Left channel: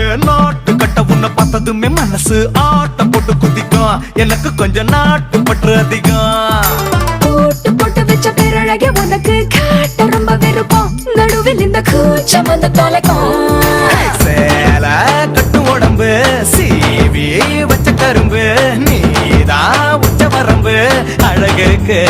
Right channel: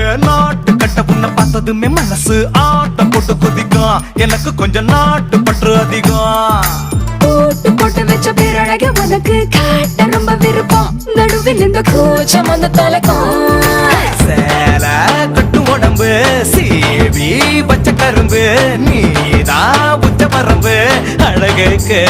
ஏன் நாட்டு கட்ட உன்னை பார்த்ததுமே மனசு ஆட்டம் போட்டு குதிக்கும். எனக்கு கொஞ்சம் நாட்டு பற்று அதிகம். போட்டு போட்டு வச்ச பேரழக உனக்கு காட்ட ரொம்ப விருப்பம். நடுவில் இந்த கூச்சம் வந்து தொலைக்கும். சேல கட்டு உடம்பு சீவி வச்ச கரும்பு நீதான் உச்ச வரம்பு அழகுக்கு.